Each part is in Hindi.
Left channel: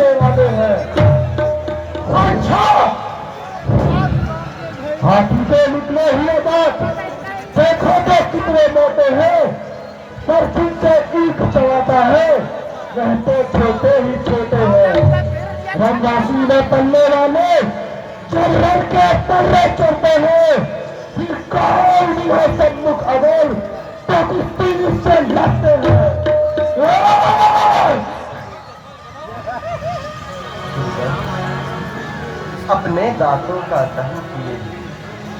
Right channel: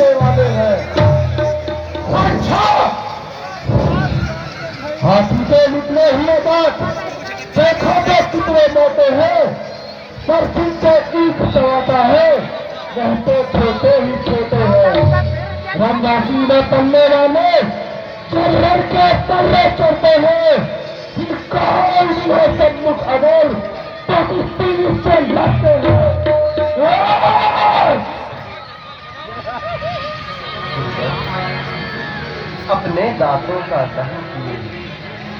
करने वाले हैं। अच्छा, हाथी से निकले हुए बात देखो तो कितने मोटे हैं, पर जिनसे ईख चलाता है वह तो छोटे ही छोटे हैं। रमराशि में पलने वाले चर्र के तर्रे चढ़ते हैं, फिर कौन है सम्मुख अमल तो कुश्ती से लड़ते हैं। अपने दांतों का दहन किए,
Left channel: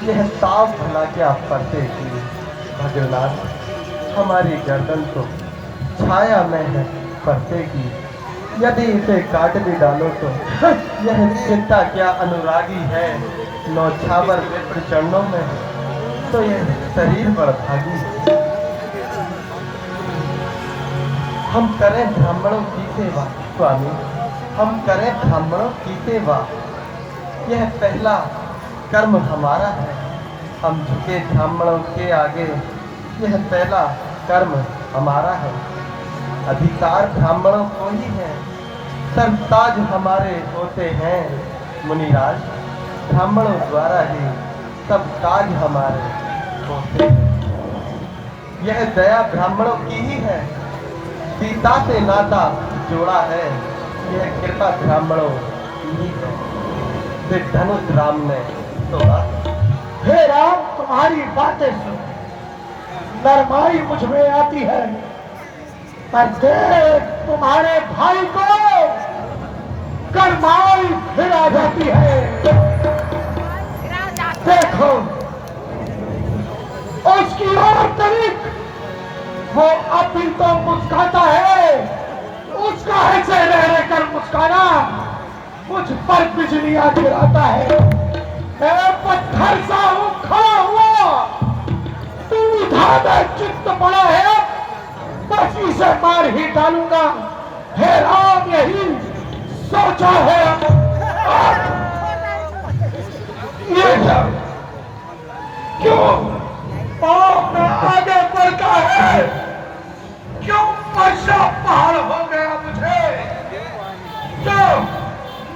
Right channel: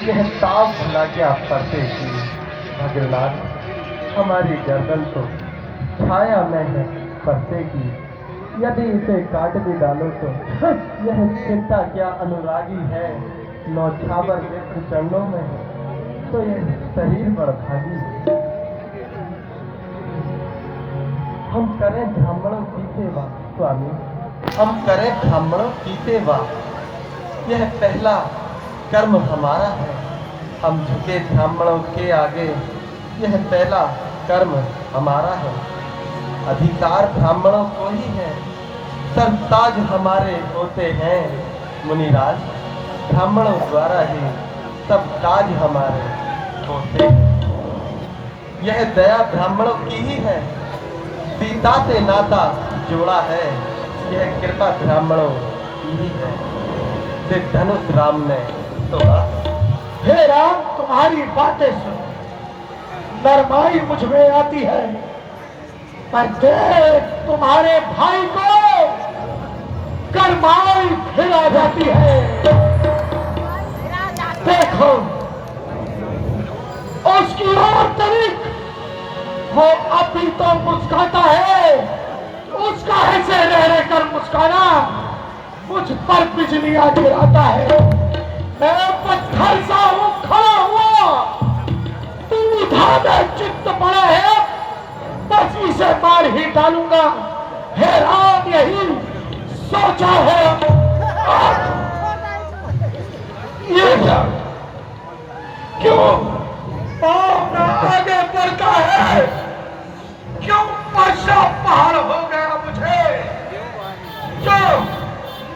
यह ताव भला क्या पड़ते की। भगवान हमारी गर्दन तो छाया में है परते की, यदि इसे काट भी डालो तो यह चिंता क्या अनुरागी है। नौछावर विप्र चरणों में है तो यह शरीर बड़भागी। हम करें ब्राह्मणों की सेवा स्वामी, हम करें ब्राह्मणों की सेवा, यह पहला कर्म हमारा है। हम झुके ब्राह्मणों के आगे, यह पहला कर्म हमारा है। अधिकार ब्राह्मणों को ही है, सरताज हमारे होते हैं। मुनिराज ब्राह्मणों द्वारा ही सब ताज हमारे होते हैं। यह दया ब्राह्मणों की ही है, सीता से नाता जोड़ा है, यह कृपा ब्राह्मणों की ही है। धनुष राम ने तोड़ा। हे राम, तुम्हारी बातें सुन नरमाई मुझ में आती है, पर देख तुम्हारे भाई को करमाई फिर आ जाती है। देखो उसकी और तरीक, वो अभी तो मुस्कुराता है, उसका ऐसे रह रहकर मुस्कुराना मुझ पर बिजलियां गिराता है। मैं पत्थर सा हूं खड़ा हुआ, तू इधर में चित्त पड़ा है, बस इसे मार ही डालूंगा। हे राम, यही सोचा है। ये क्या, क्यों पाप में आगे बढ़ता है, क्यों पश्चा पहाड़ हो गया मुझे, जो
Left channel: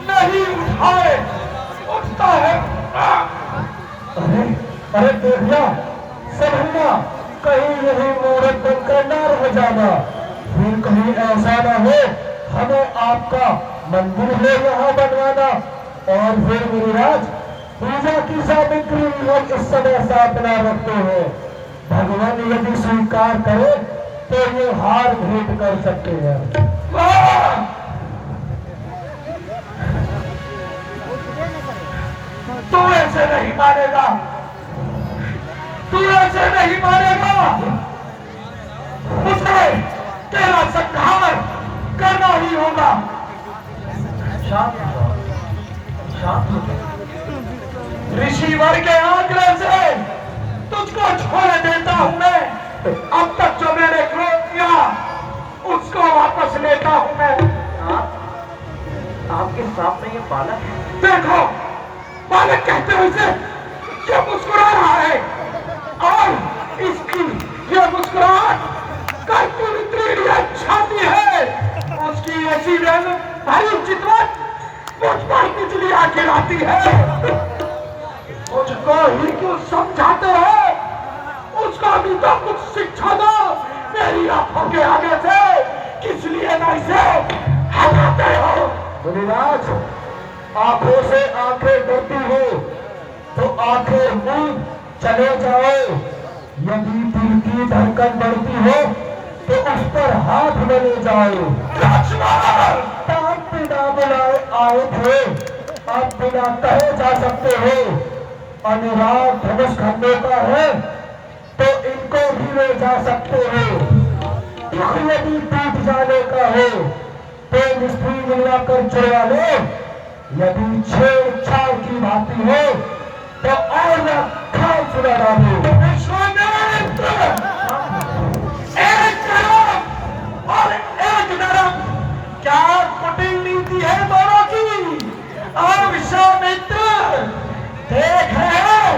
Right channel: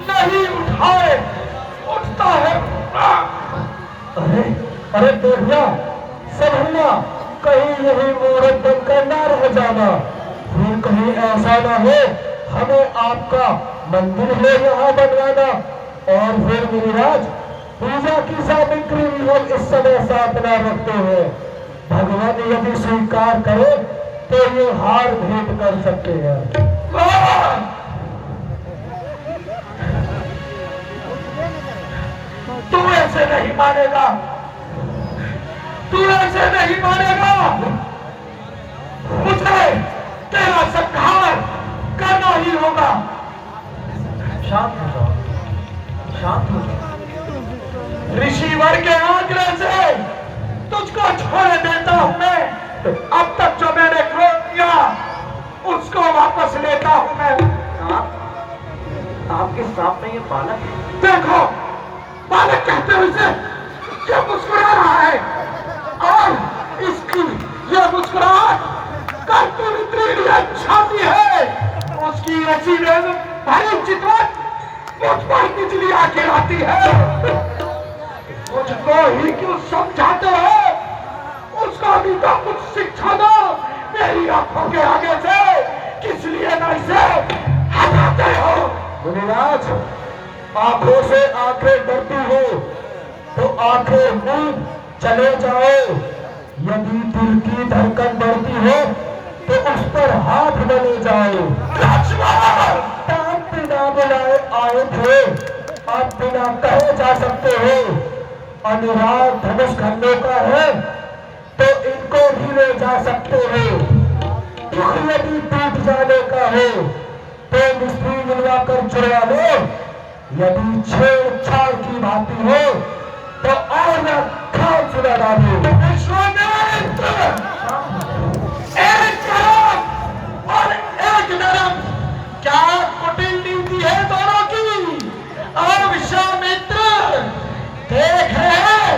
नहीं उठाए उठता है। अरे अरे देविया समझना, कहीं यही मुहूर्त बनकर न रह जाना, फिर कहीं ऐसा ना हो हमें आपका मंदिर हो यहाँ बनवाना। और फिर मुनिराज पूजा की सामग्री भी हम इस समय साथ न रखते हैं। भगवान यदि स्वीकार करे तो ये हार भेंट कर सकते हैं। तू ऐसे नहीं मानेगा, तू ऐसे नहीं मानेगा। मुझे तेरा संहार करना ही होगा। शांत हो जाओ, शांत हो जाओ। ऋषिवर के आग्रह से तुझको छोड़ देता हूं मैं। अब तक जो मैंने क्रोध किया उसको वापस लेता हूं मैं। आपके सामने ये बालक है। देखो, बालक कहते हो इसे, जो मुस्कुरा रहा है, और इसकी ये मुस्कुराहट कर्पूरी छाती है, उसकी ऐसी भारी चितवन मुझ पर बिजलियां गिराती है। मुझको ही क्यों समझाते हो, उसको भी तो कुछ शिक्षा दो मेरी आंखों के आगे से। किस लिए ना इसे हटाते हो? मुनिराज, आंखों से आंखें डरती हो तो आंखें मूंद चले जाओ। यदि दिल की धड़कन बढ़ती हो तो उस पर हाथ न ले जाओ। ताप बिना बुलाए आए थे, अब बिना कहे जा सकते हो। अनुराग धनुष खंडे का है तो इनको भी ले जा सकते हो। यदि टूट जाने का हो तो मिस्त्री मिलवाकर चुरा लो। यदि छेड़छाड़ की भांति हो तो और खाल सुना डालो। एक तरफ और एक तरफ, क्या कुटिल नीति है दोनों की। और विश्वामित्र देख रहे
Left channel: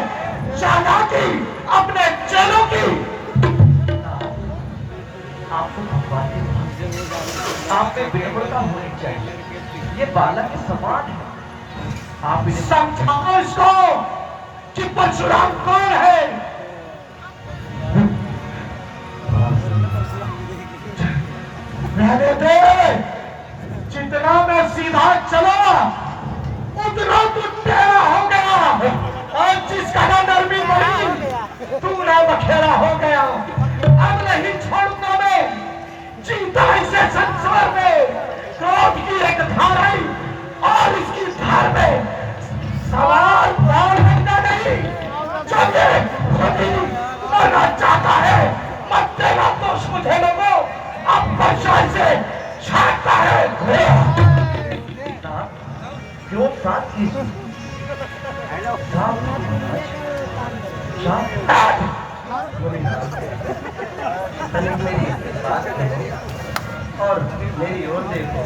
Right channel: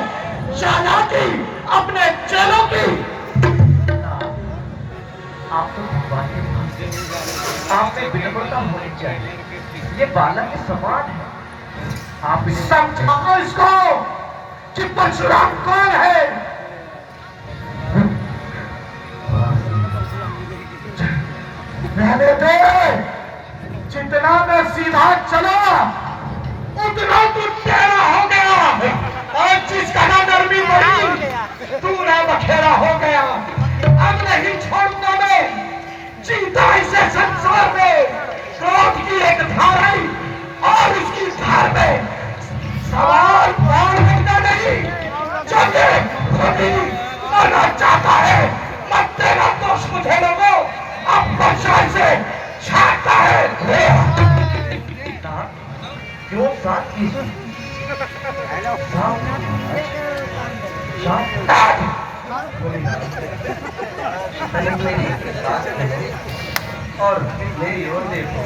चालाकी अपने चेलों की। आप तो भगवान के भक्त आप में विनम्रता होनी चाहिए, ये बालक समान है। आप समझाओ इसको कि परशुराम कौन है। रहने दे, जितना मैं सीधा चला उतना तू टेढ़ा हो गया, और जिसका ना नरमी बढ़ी तू ना बखेड़ा हो गया। अब नहीं छोड़ूंगा मैं जीता इसे संसार में। क्रोध की एक धार है और इसकी धार में सवाल पार करना नहीं। चौथे खुदी मरना चाहता है, मत तेरा दोष मुझे लोगो अब परछाई से छाटता है। क्यों साथ की और मेरी ओर देखो,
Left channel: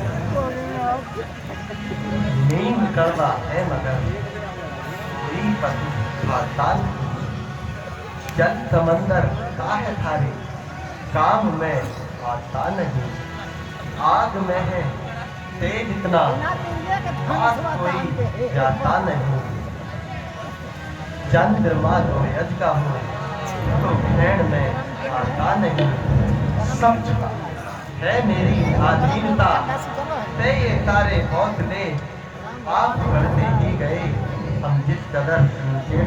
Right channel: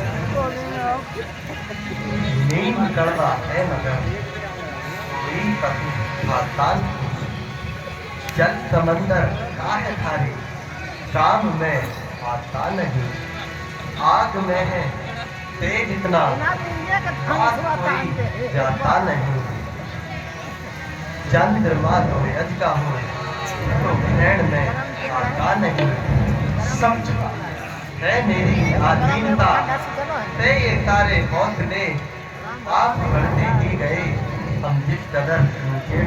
नींद करता है मगर मेरी पति खातान जल समंदर का है खाली, काम में आता नहीं, आग में है तेज इतना आग कोई जाता नहीं। चंद्रमा सूरज का हो तो ग्रहण में आता नहीं। समझ है मेरी आधीनता ते ये तारे हौसले आप बढ़ते ही गए, हम जिस कदर नीचे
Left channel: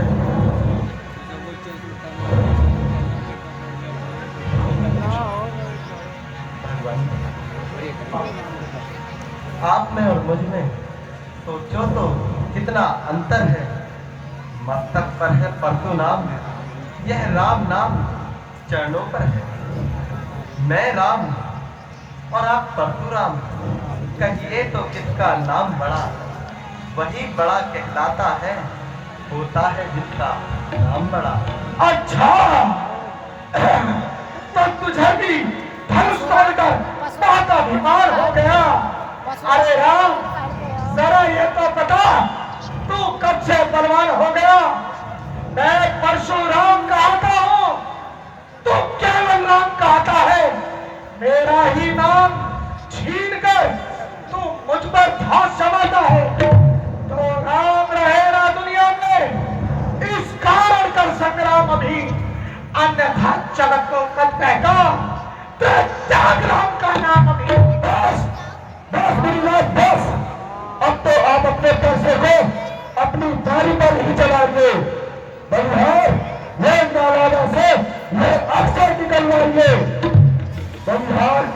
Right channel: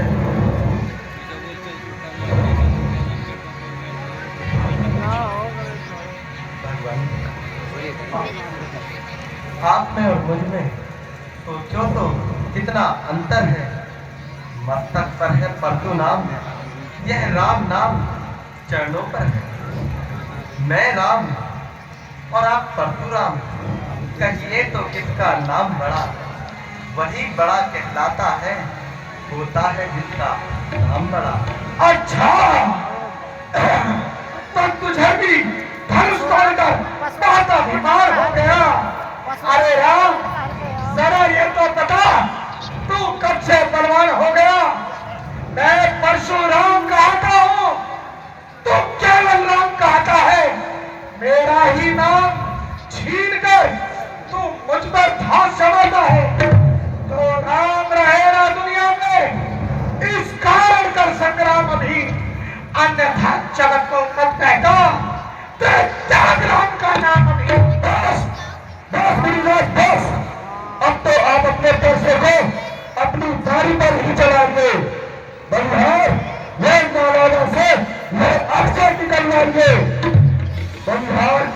आप में और मुझ में सोचो तो कितना अंतर है। मस्तक पर है परशु नाम, यह राम नाम चरणों पर है। मैं राम और आप परशुराम, कहिए तो किसका नाम बड़ा? वही बड़ा कहलाता है, होता है जिसका नाम बड़ा। अच्छा तो तुझे भी धनुष तोड़कर माता बीमार हो गया। अरे राम, जरा ये तो बता तू कब से बलवान हो गया? मैं परशुराम कहता हूँ, तू केवल राम कहता है। मेरा ही नाम छीन कर तू मुझ पर घास जमाता है। तो राम रहे ना दुनिया में, इस कारण कर संग्राम अभी, अन्यथा जगत को मत कहता। त्याग राम का नाम अभी। बस बस मेरी बात बस। अब तो आप अपने पैसे को अपनी दारी पर ही चलाएंगे। बंधार ले नालादा से ले अक्षर निकलवाइए। बंधार